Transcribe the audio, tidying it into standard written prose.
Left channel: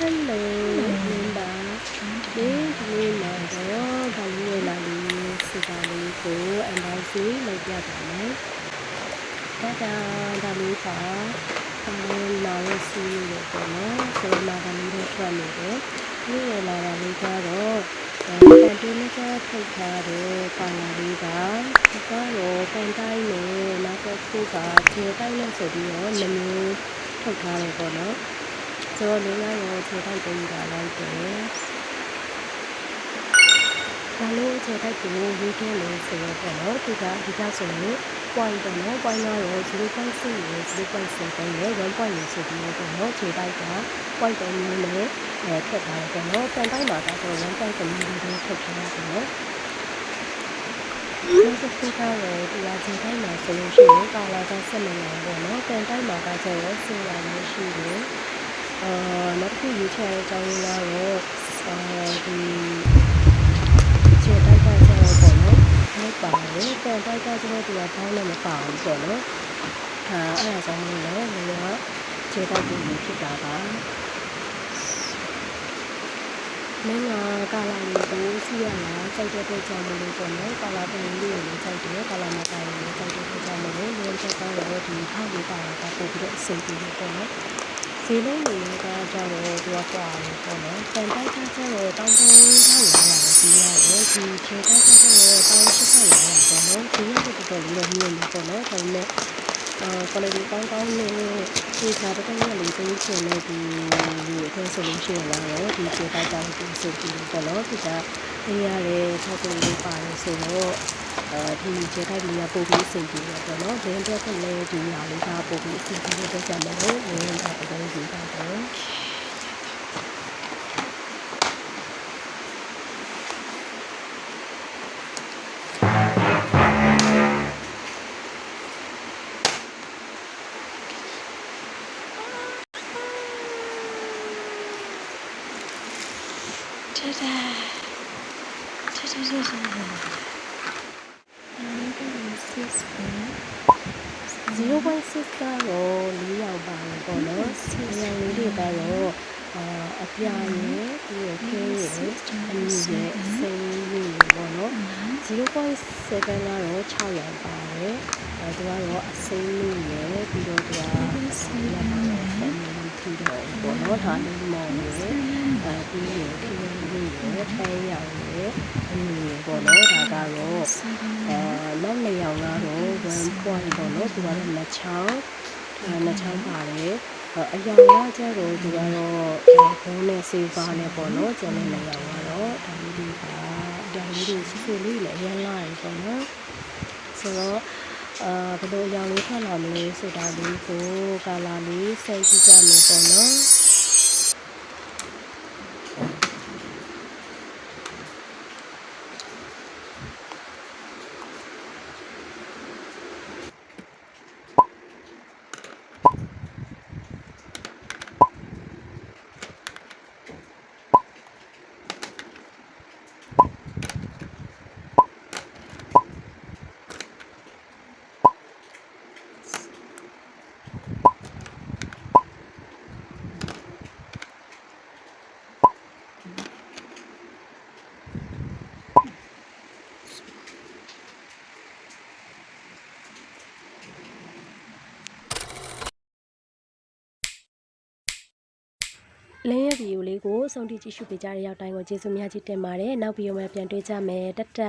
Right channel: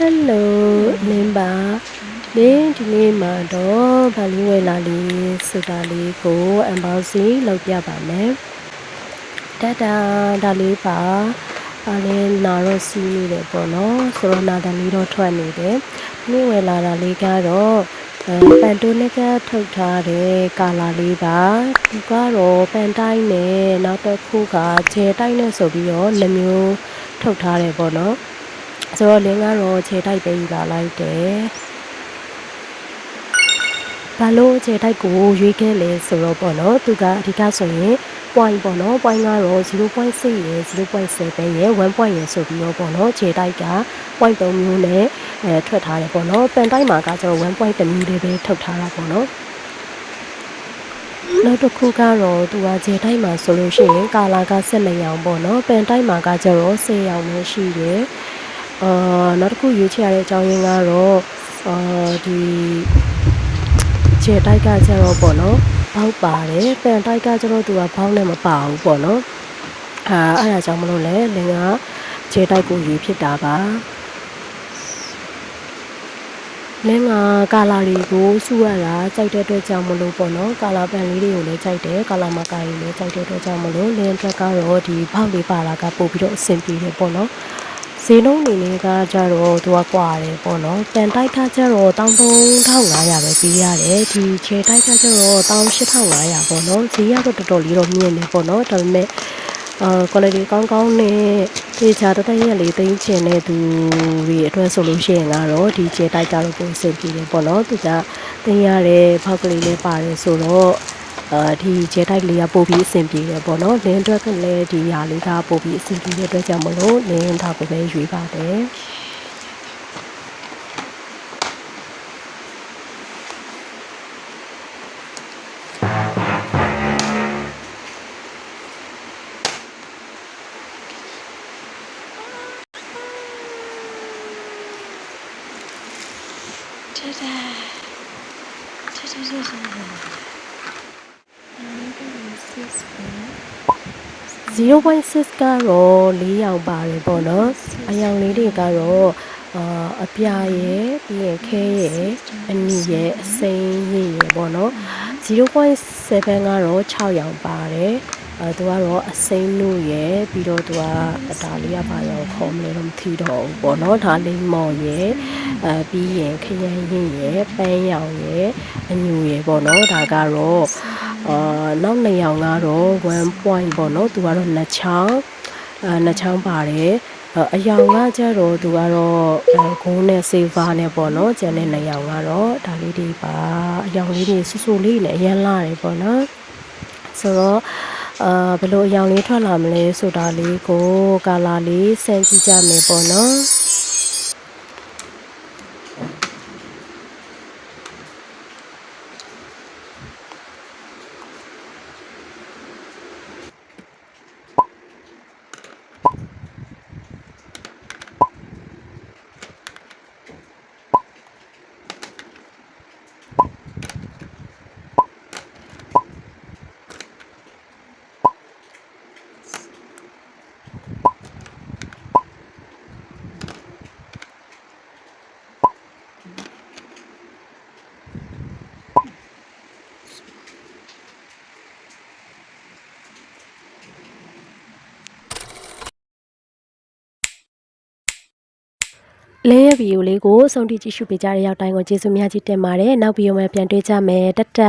Hello နင်ပါဒီနေ့မှာတော့ဗာလေးဝဲလာလေးစတာလေးကို unboxing လုပ်ပြပါမယ်ဒါလေးပါလေးနာတော့စီးနေတယ်ပေါ့နော်ဆိုတော့နာတလေးတော့ထွက်နေတယ်နေ့ဝဲလာတာလေးကတော့ပန်တိုးနဲ့ကထုတ်ထားတဲ့ကာလာလေးပါဒီကတော့ပန်တိုင်းနဲ့နောက်တစ်ခုကခြေတိုင်းနဲ့ဆိုပြီးတော့2မျိုးထုတ်ထားတယ်ပေါ့နော်ဆိုတော့လင်းကတော့ခြေတိုက်ပေးယူလာလိုက်တယ်ဘာလို့ခြေတိုက်ကိုရွေးခဲ့လဲဆိုတော့ပေါ့နော်သူကအဓိကဆိုရင် point ပေါ့နော် point ကတော့ 0.6 ရယ် 0.7 ရယ် 1 point ရယ်ဆိုပြီးတော့ပေါ့နော်ခြေတိုက်က point 3မျိုးနဲ့ထွက်ထားတယ်ပေါ့နော်ပန်တိုက်မှာကကျတော့ 1 point 3မျိုးလေးပဲထုတ်ထားတာပေါ့နော်နောက်တစ်ခုကတော့သူကခြေတိုက်မှာဆိုလို့ရှိရင်ကာလာက12ရောင်ပေါ့နော်ပန်တိုက်မှာကကျတော့10ရောင်ပဲရှိတယ်နောက်တစ်ခုရွေးချယ်ရတဲ့အကြောင်းရင်းကတော့ဒီခြေတိုက်ကကျတော့ပေါ့နော်ဘောက်ပါတယ်ပန်တိုက်ကကျတော့သူကဘောက်နဲ့မပါဘူးပေါ့နော်အဲ့ဒါကြောင့်မလို့လဲနေကခြေတိုက်ကိုရွေးဖြစ်တာပါမင်းကကာလာတွေကိုစုရတာကြိုက်တဲ့အတွက်ကြောင့်မလို့ပေါ့နော်ကာလာပန်လေးတွေကိုလည်းကြိုက်တယ်ကာလာမကိုင်လည်းကြိုက်တဲ့အတွက်ကြောင့်မလို့လင်းချက်ကတော့ဒီဘောက်လေးပါလာကပို့ပြီးတော့အဆင်ပြေတယ်ပေါ့နော်ဈေးနှုန်းတွေကကြတော့သူကကွာတယ်ပေါ့နော်ပန်တိုက်ကကြတော့13500ပဲပေးရတယ်ဒီခြေတိုက်ကကြတော့18500ပေါ့နော်ဈေးကတော့တော်တော်လေးတော့မြင့်နေပေါ့နော်ဒါပေမဲ့quality ကောင်းကောင်းနဲ့ဒီချာတရက်လေးသိချင်တဲ့သူတွေအတွက်ဆိုလို့ရှိရင်ကတော့ဒီခြေတိုက်ကြတော့ပုံစံကြည့်တယ်ပေါ့နော်သူကသိရတဲ့ဖောက်ကလေးလေးပါတယ်ဆိုတော့ဒီခြေတိုက်လေးကပို့ပြီးအဆင်ပြေတယ်ပေါ့နော်လင်းအတွက်ကလည်းဒီဟာလေးကပို့ပြီးအဆင်ပြေတဲ့အတွက်ကြောင့်မလို့လင်းဒါကိုပဲရွေးပါတယ်0.6 ကတော့4ရောင်ပါတယ်ပေါ့နော်အရောင်လေးတွေကတော့အပြာရယ်ပြီးရခဲရယ်အနီရယ်အစိမ်းရယ်ပေါ့နော် 0.7 ကတော့6ရောင်ပါတယ်သူကတော့အစိမ်းလို့ရယ်ပြီးတော့သူကဒါလေးကပါတော့ဖော်မလို့မထီတော့ဘူးပေါ့နော်ဒါလေးမော်ရယ်ပြီးရယ်ခရမ်းရည်ရယ်ပန်းရောင်ရယ်အညူရယ်ပေါ့နော်ဒါကတော့နောက်2ရောင်ကတော့1 point ပေါ့နော်သူကတော့2ချောင်းပါတယ်အရောင်ကကျတော့သူကတော့ဂိုးနဲ့ silver နဲ့ပေါ့နော်ကျန်တဲ့2ရောင်ကတော့ဒါလေးတွေပါအရောင်လေးတွေဆူဆူလေးလည်းအရန်လာတယ်ပေါ့နော်ဆိုတော့ဘယ်လိုအရောင်လေးထွက်လာမလဲဆိုတာလေးကိုကာလာလေးစမ်းကြည့်ကြမယ်ပေါ့နော်လင်းရဲ့ဗီဒီယိုလေးကိုအဆုံးထိကြည့်ရှုပေးကြတဲ့ရောက်တိုင်းကိုကျေးဇူးများကြီးတင်ပါတယ်နောက်ဗီဒီယိုမှာပြန်တွေ့ကြမယ်တတ